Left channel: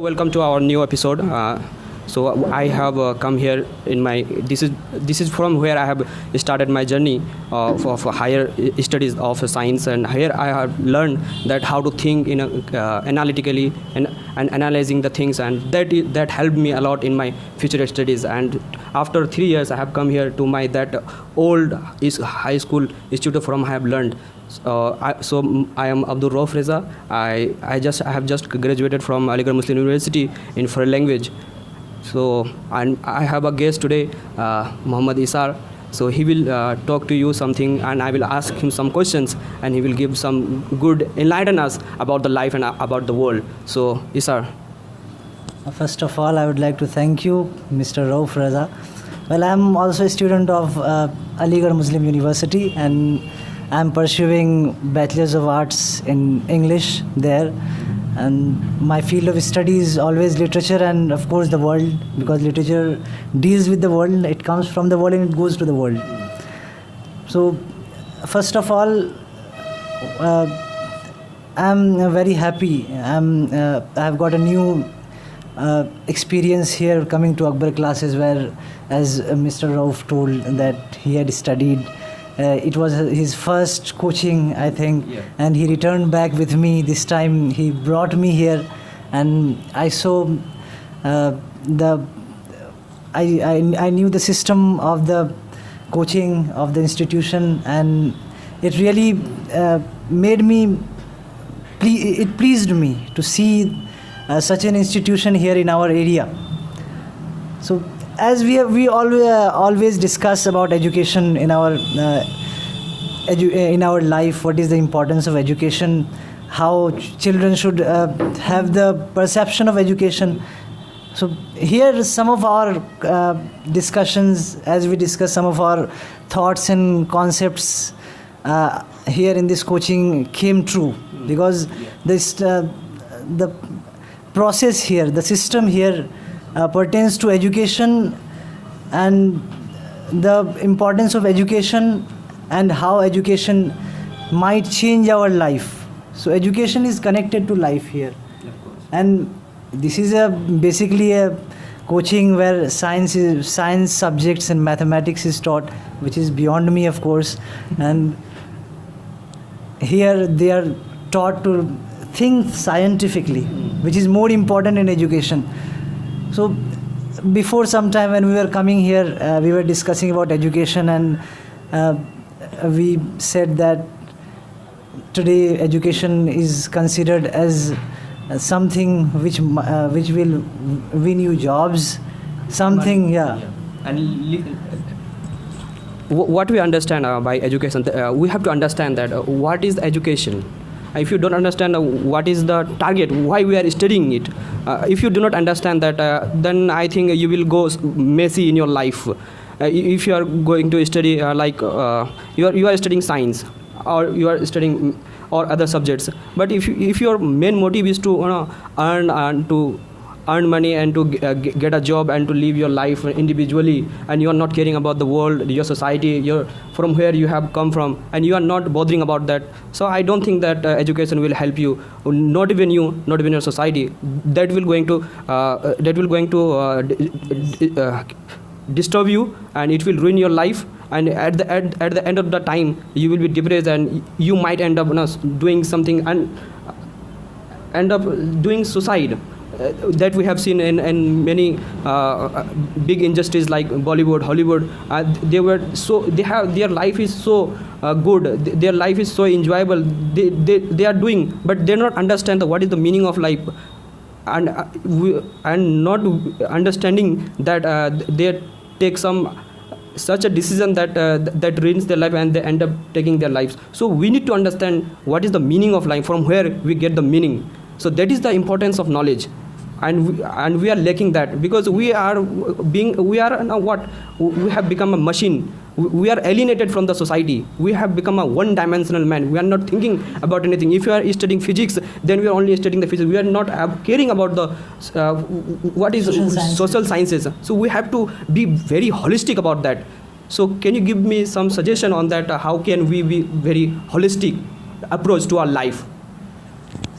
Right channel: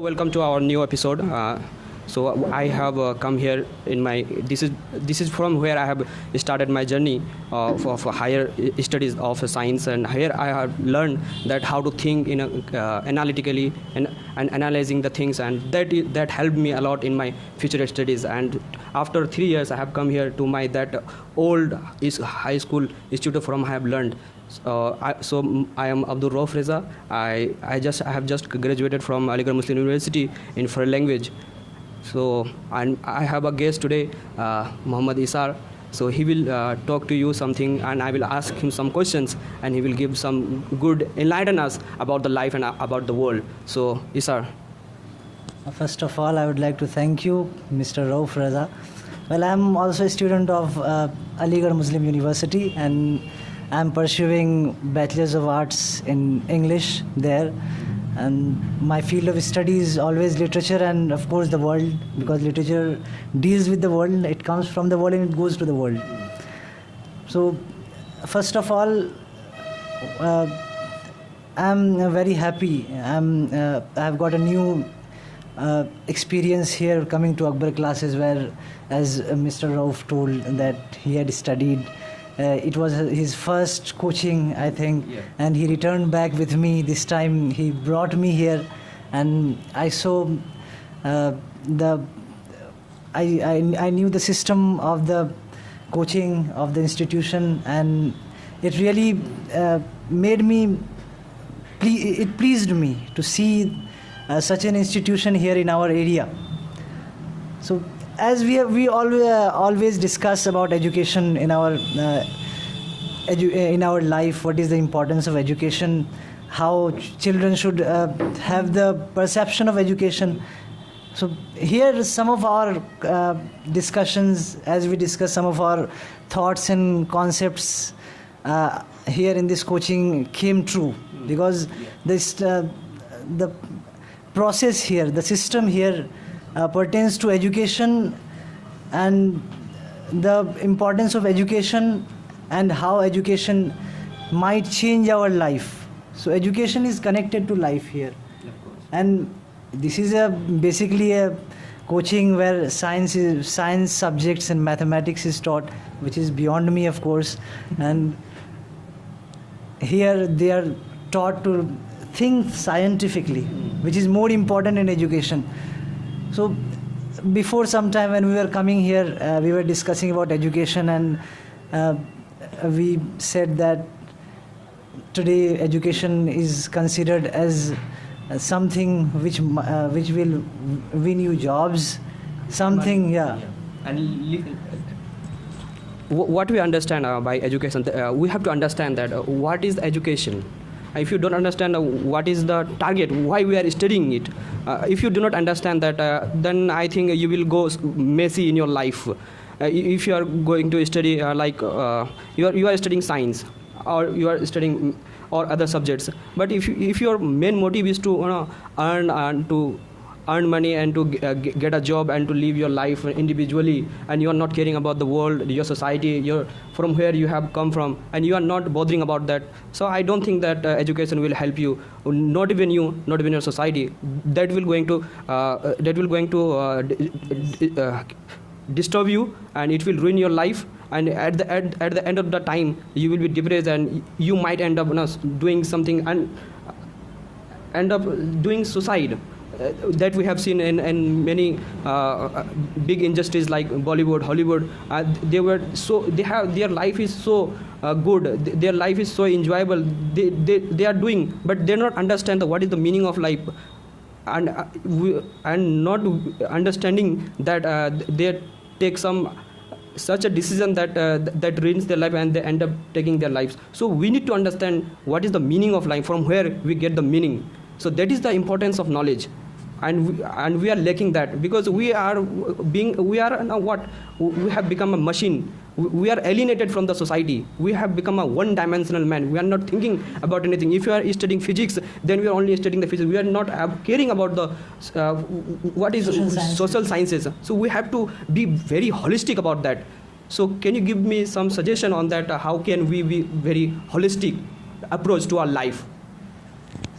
Welcome to our new episode. So I have come here in my this is from where I have started my journey for higher studies of science, and here I have learned that how to think in analytically and analyzing the things, and that helped me a lot in my future studies. And after 3 years, I have come here to my that old high school institute from I have learned. I am Rauf Reza. I have just graduated from Akbar Muslim University in foreign language. So and I have a guest today, Muhammad Eisar. So he will talk to you something, and I will ask him some questions, and he will give some good enlighten us about the life and about the world. So Eisar. First of all, I would like to thank you, Mr. Rauf Reza. Well, I'm also a student of Akbar Muslim University, and I'm pursuing Bachelor's of Arts in English there. And my field of study is always literature and, of course, the world, because literature deals with the world. It comes from the world and it goes to the world. So, first of all, I'm very happy. I've got a new experience here coming to Akbar classes, where, as Mr. Rauf told, that he had studied. It was his first coaching, I think, and he returned back with me. This time he brought me here, and I saw I knew the system of the coaching of the institution, and it really made me. It pleased me to see such an institution here in our area. So, as we always discuss about education in our life, what is the importance of education, how children should have the perception of education. So here some of our discussions, as we discuss some of our thoughts and concepts here in this coaching came true, because the process here, the system here pertains to education and the importance of education and how education might change our life. So education is connected to life here, and this is basically a coaching where science subjects and mathematics is taught, which is beyond me, of course. And here they are taught to think scientifically, which is more important in education. So before some time when we were coming here, we were discussing about education, and we said that today education is considered as something which will win you jobs, something, And what we understand by education, we have to understand that what is education. If you don't understand what is the target, why we are studying it, if you do not understand that, then I think you will go messy in your life. If you are going to study you are studying science, or you are studying or other subjects, but if your main motive is to earn money and to get a job and to live your life individually, and you are not caring about the world, your society, from where you have come from, and you are not bothering about that, so I don't think that education will help you, not even you, not even your society. That will going to disturb you, and it will ruin your life, and at the end of the time you will be depressed, and you might end up doing something and end up doing suicide. That we have seen in many big industries like Bollywood, Hollywood. Their life is so good, their life is so enjoyable, they are doing, but they not understand what is the meaning of life, and not understanding that they take such a decision that ruins their life, and they end up taking their lives. So we need to understand what is the meaning of life, from where we get the meaning. So that is the importance of knowledge, and we are lacking that, because we have become a machine. We are alienated from the society. We have become a one-dimensional man. We are not thinking about anything. If you are studying physics, then we are only studying the physics. We are not caring about the what is social sciences. So we have to be very holistic about that. So can you give me some suggestion on that? How can we be very holistic approach to our life?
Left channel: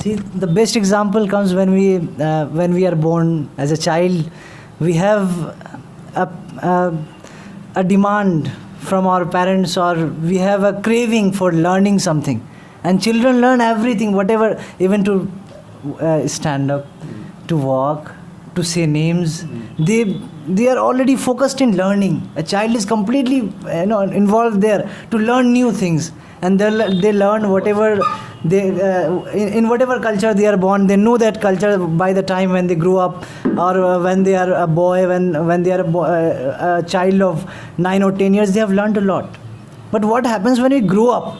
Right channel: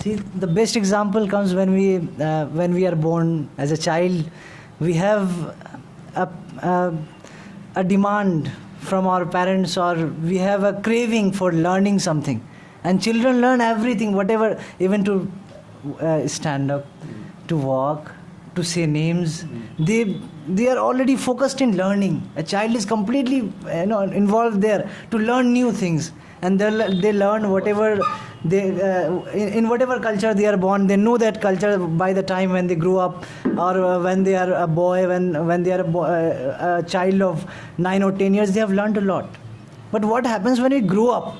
See, the best example comes when we are born as a child. We have a demand from our parents, or we have a craving for learning something. And children learn everything, whatever, even to stand up, to walk, to say names. They are already focused in learning. A child is completely involved there to learn new things, and they learn whatever they in whatever culture they are born. They know that culture by the time when they grow up, or when they are a boy, when they are a child of 9 or 10 years, they have learned a lot. But what happens when we grow up?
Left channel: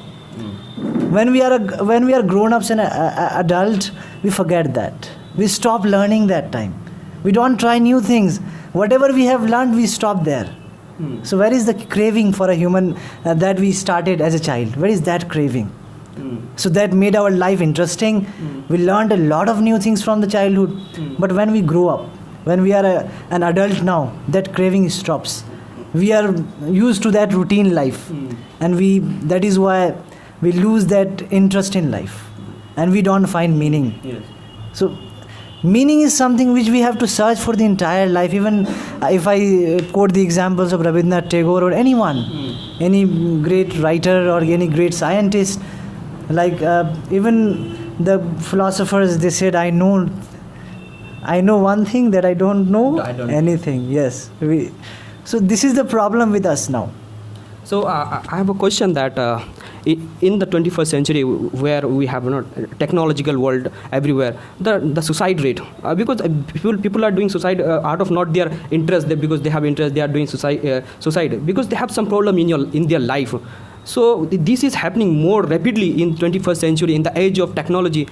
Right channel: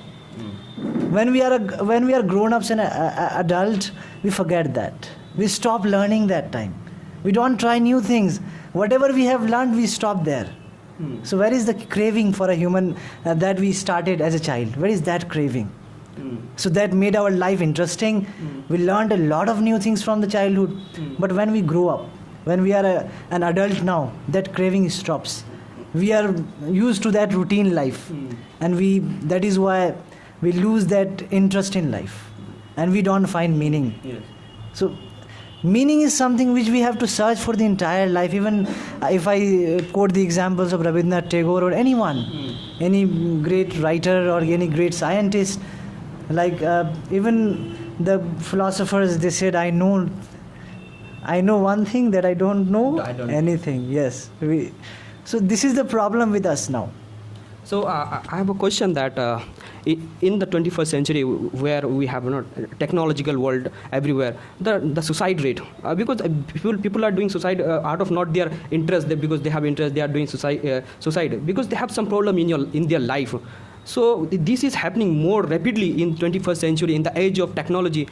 When we are grown-ups and adult, we forget that. We stop learning that time. We don't try new things. Whatever we have learned, we stop there. So where is the craving for a human that we started as a child? Where is that craving? So that made our life interesting. We learned a lot of new things from the childhood. But when we grow up, when we are an adult now, that craving stops. We are used to that routine life. And that is why we lose that interest in life. And we don't find meaning. Yes. So meaning is something which we have to search for the entire life. Even if I quote the examples of Rabindranath Tagore or anyone, any great writer or any great scientist, like even the philosophers, they said, I know one thing, that I don't know anything. Yes. So this is the problem with us now. So I have a question that in the 21st century, where we have technological world everywhere, the suicide rate, because people are doing suicide out of not their interest, because they have interest, they are doing suicide because they have some problem in their life. So this is happening more rapidly in 21st century, in the age of technology.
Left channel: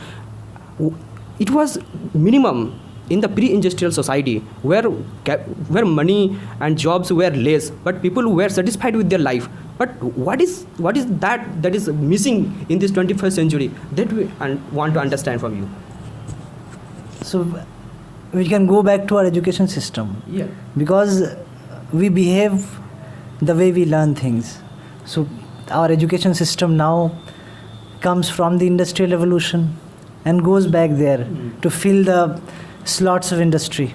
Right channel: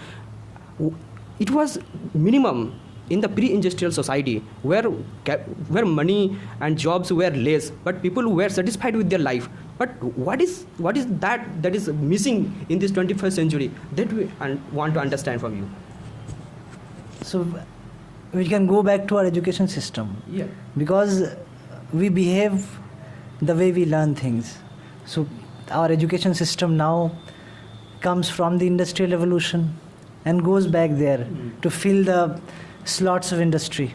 It was minimum in the pre-industrial society, where money and jobs were less, but people were satisfied with their life. But what is that is missing in this 21st century that we want to understand from you? So we can go back to our education system. Yeah. Because we behave the way we learn things. So our education system now comes from the industrial revolution and goes back there to fill the slots of industry.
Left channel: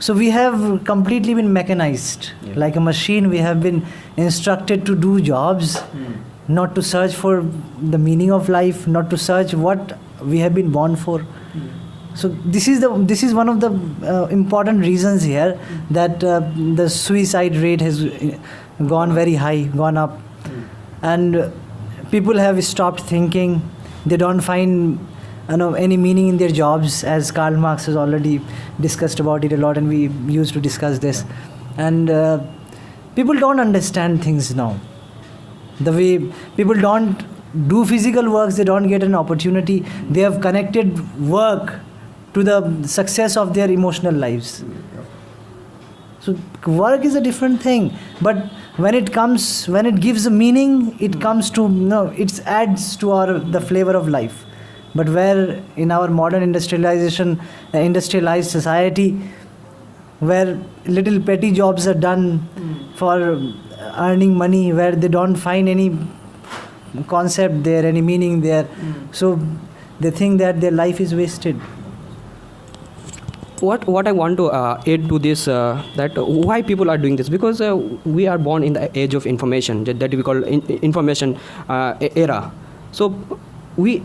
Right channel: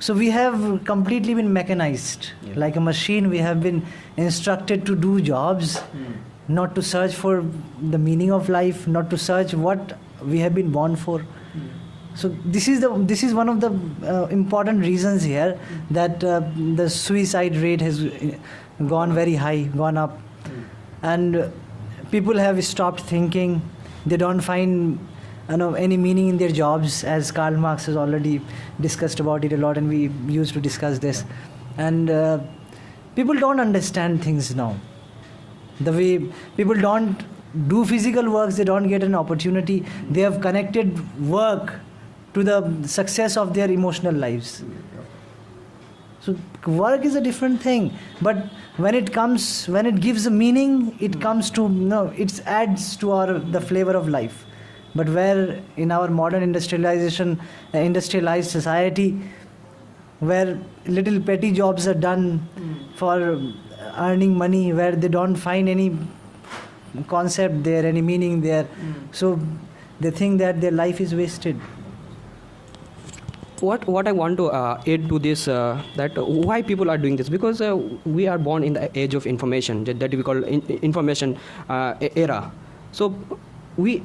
So we have completely been mechanized. Like a machine. We have been instructed to do jobs, not to search for the meaning of life, not to search what we have been born for. So this is one of the important reasons here that the suicide rate has gone very high, gone up, and people have stopped thinking. They don't find any meaning in their jobs, as Karl Marx has already discussed about it a lot, and we used to discuss this. And people don't understand things now. The way people don't do physical works, they don't get an opportunity. They have connected work to the success of their emotional lives. So work is a different thing, but when it gives a meaning, it comes to it adds to the flavor of life. But where in our modern industrialized society, where little petty jobs are done for earning money, where they don't find any concept there, any meaning there, so they think that their life is wasted. What I want to add to this, that why people are doing this, because we are born in the age of information, that we call information era. So we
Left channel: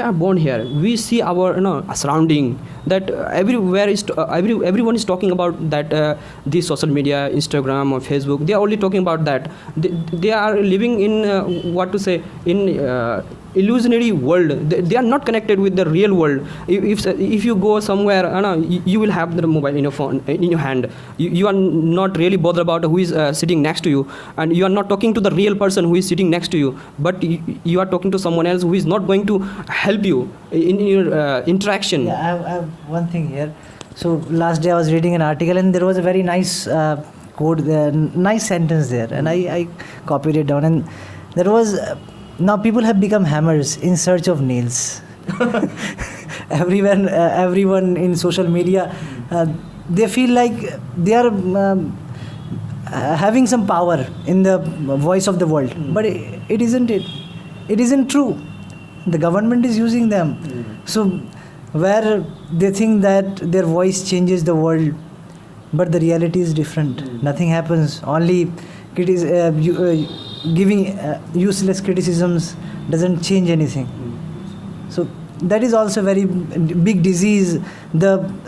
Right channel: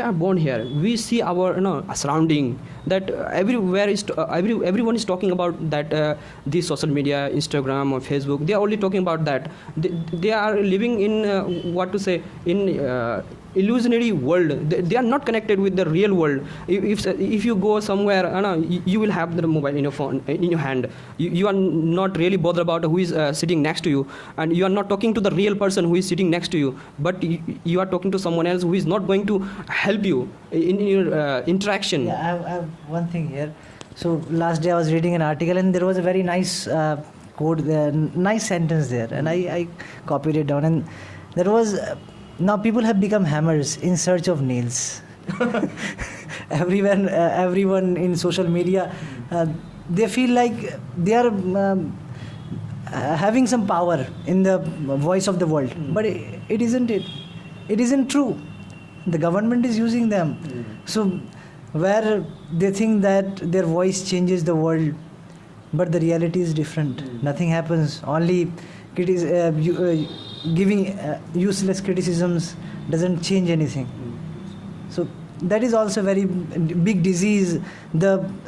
are born here. We see our surrounding, that everyone is talking about that, this social media, Instagram or Facebook. They are only talking about that. They are living in illusionary world. They are not connected with the real world. If you go somewhere, you will have the mobile in your phone, in your hand. You are not really bothered about who is sitting next to you, and you are not talking to the real person who is sitting next to you, but you are talking to someone else who is not going to help you in your interaction. Yeah, I have one thing here. So last day I was reading an article, and there was a very nice quote there, nice sentence there, and I copied it down, and there was now people have become hammers in search of nails. Everyone in social media, they feel like they are having some power in the voice of the world, but it isn't true. the government is using them. So where they think that their voice changes the world, but the reality is different. Nothing happens. Only giving useless criticisms doesn't change anything. So that is also a very big disease.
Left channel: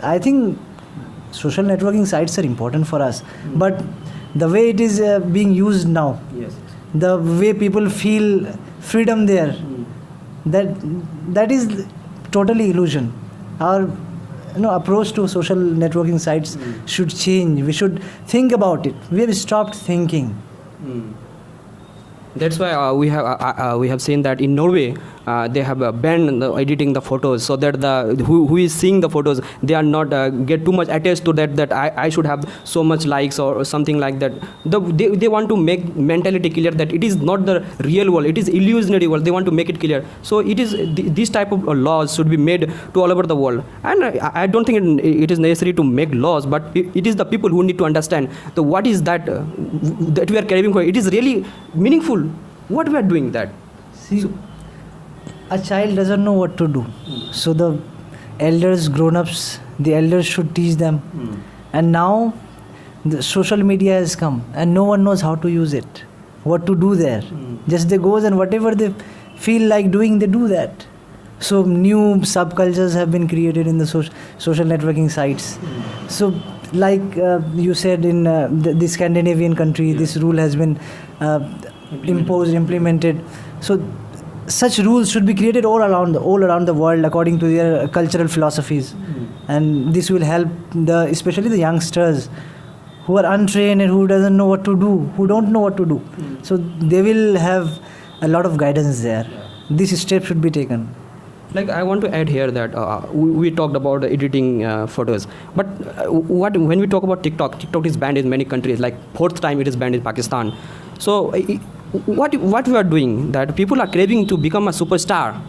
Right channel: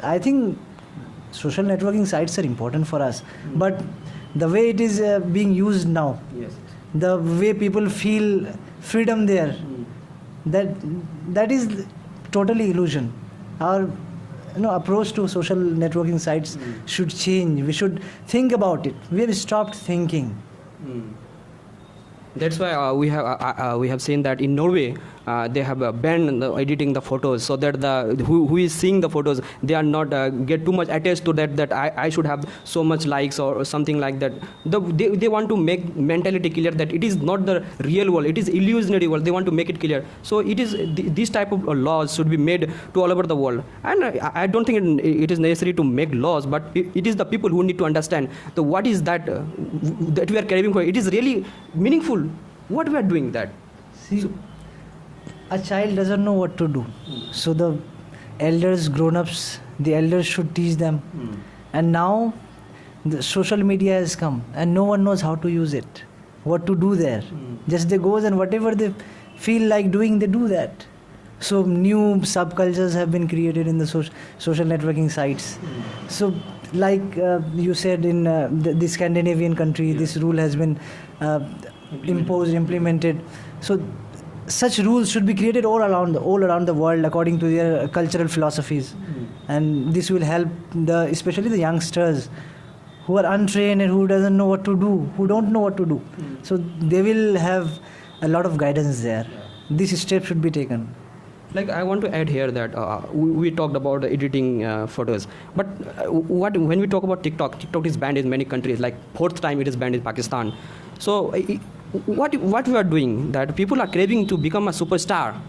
I think social networking sites are important for us, but the way it is being used now, the way people feel freedom there, that is totally illusion. Our approach to social networking sites should change. We should think about it. We have stopped thinking. That's why we have seen that in Norway they have banned editing the photos, so that who is seeing the photos, they are not get too much attached to that I should have so much likes or something like that. They want to make mentality clear that it is not the real world, it is illusionary world. They want to make it clear. So it is this type of laws should be made to all over the world. And I don't think it is necessary to make laws, but it is the people who need to understand what is that we are craving for. It is really meaningful what we are doing that. See, a child doesn't know what to do. So the elders, grown-ups, the elders should teach them. And now the social media has come and no one knows how to use it, what to do there. Just they go and whatever they feel like doing, they do that. So new subcultures have been created in the social networking sites. So like you said, in the Scandinavian country, this rule has been implemented. So such rules should be created all around the world according to their cultural philosophies, and this will help especially the youngsters who are untrained and who don't know what to do. So they will have a lot of guidance there. This step should be taken. Like, I want to add here that we talked about editing photos, but when we talk about TikTok is banned in many countries. Like 4th time it is banned in Pakistan. So what we are doing, that people are craving to become a superstar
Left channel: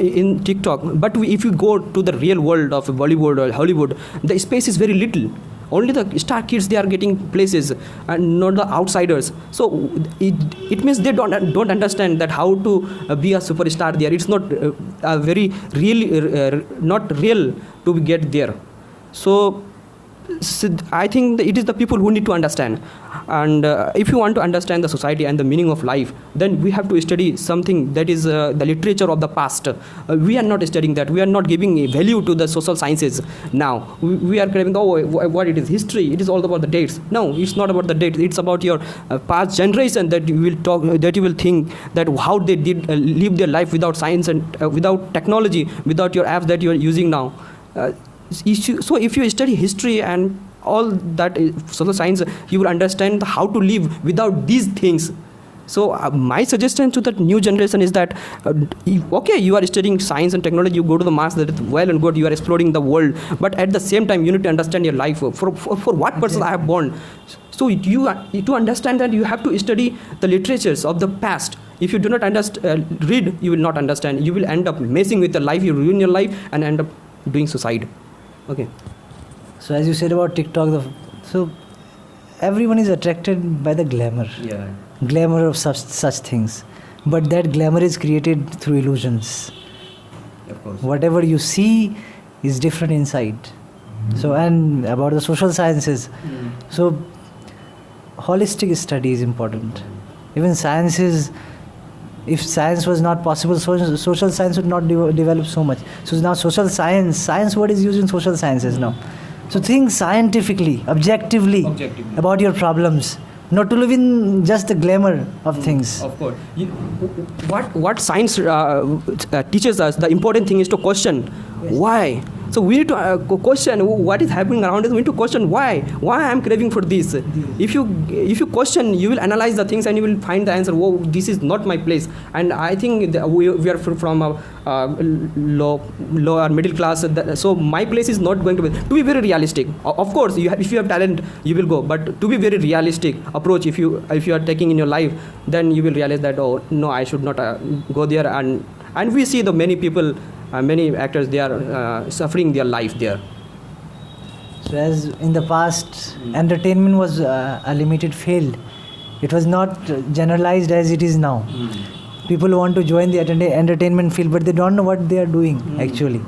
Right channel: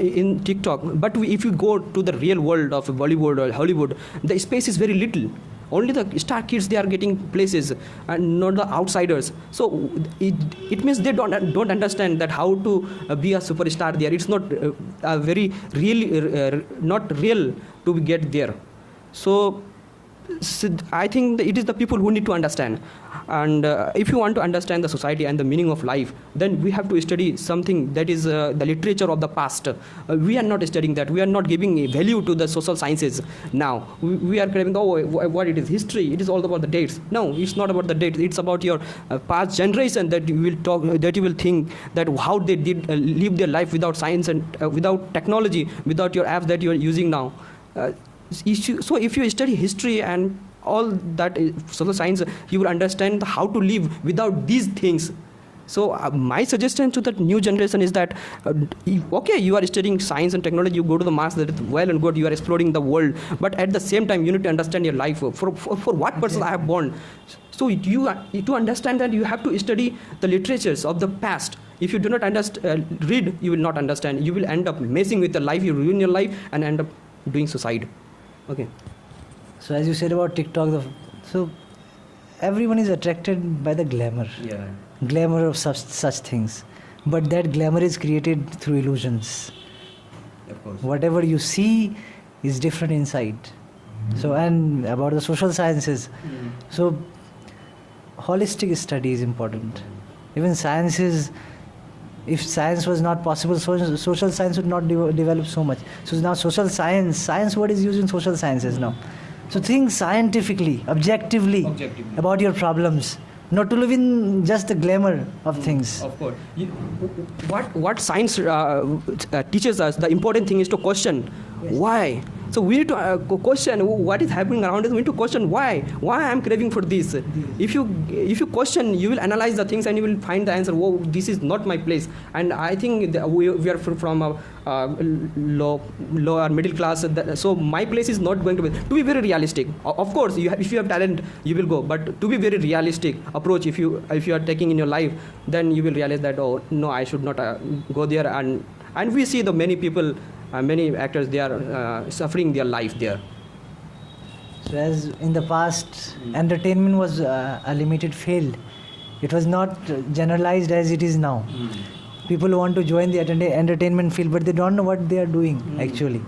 in TikTok, but if you go to the real world of Bollywood or Hollywood, the space is very little. Only the star kids, they are getting places and not the outsiders. So it means they don't understand that how to be a superstar there. It's not very really not real to get there. So I think it is the people who need to understand. And if you want to understand the society and the meaning of life, then we have to study something that is the literature of the past. We are not studying that. We are not giving a value to the social sciences now. We are craving, what it is, history. It is all about the dates. No, it's not about the dates. It's about your past generation that you will talk, that you will think that how they did live their life without science and without technology, without your apps that you are using now. So if you study history and all that social science, you will understand how to live without these things. So my suggestion to the new generation is that okay, you are studying science and technology, you go to the mass, that is well and good, you are exploring the world, but at the same time you need to understand your life, for what purpose I have born. So to understand that, you have to study the literatures of the past. If you do not read, you will not understand. You will end up messing with the life, you ruin your life and end up doing suicide. Okay. So as you said about TikTok, so everyone is attracted by the glamour. Yeah. Glamour of such things. But that glamour is created through illusions. Of course. Whatever you see is different inside. So, and about the social sciences. So holistic study is important. Even sciences, if science was not possible, social science would not develop so much. So now social science word is used in social sciences now. So think scientifically, objectively about your problems, not to live in just the glamour of things. Of course. What science teaches us, the important thing is to question why. So we need to question what is happening around us. We need to question why I am craving for this. If you question, you will analyze the things and you will find the answer. Oh, this is not my place. And I think we are from a lower middle class. So my place is not going to be very realistic. Of course, if you have talent, you will go. But to be very realistic approach, if you are taking in your life, then you will realize that, oh no, I should not go there. And we see the many people. Many actors, they are suffering their life there. So as in the past, entertainment was a limited field. It was not generalized as it is now. people who want to join the entertainment field, but they don't know what they are doing actually.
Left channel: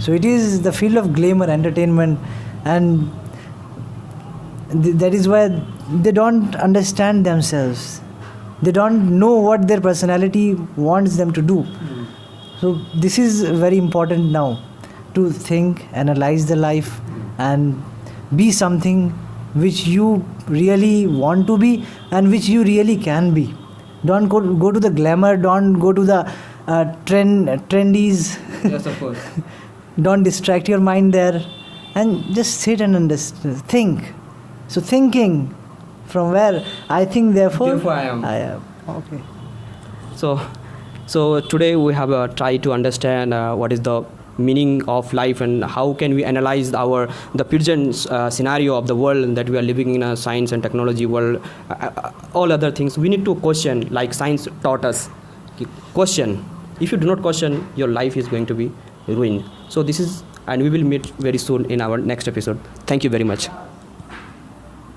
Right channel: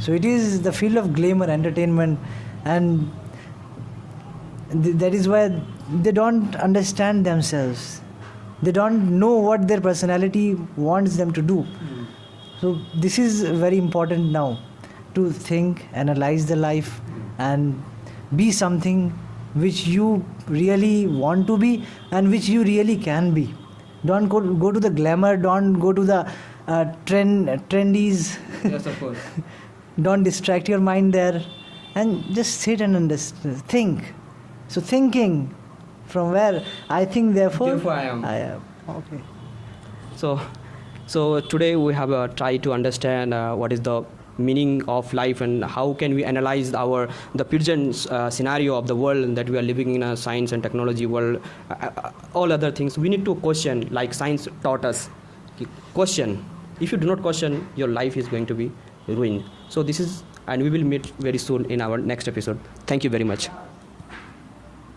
So it is the field of glamour, entertainment, and that is why they don't understand themselves. They don't know what their personality wants them to do. So this is very important now, to think, analyze the life, and be something which you really want to be and which you really can be. Don't go to the glamour, don't go to the trendies. Yes, of course. Don't distract your mind there, and just sit and think. So thinking from where I think, therefore I am. Okay. So today we have tried to understand what is the meaning of life and how can we analyze the present scenario of the world that we are living in, a science and technology world. All other things we need to question, like science taught us. Question. If you do not question, your life is going to be ruined. So this is, and we will meet very soon in our next episode. Thank you very much.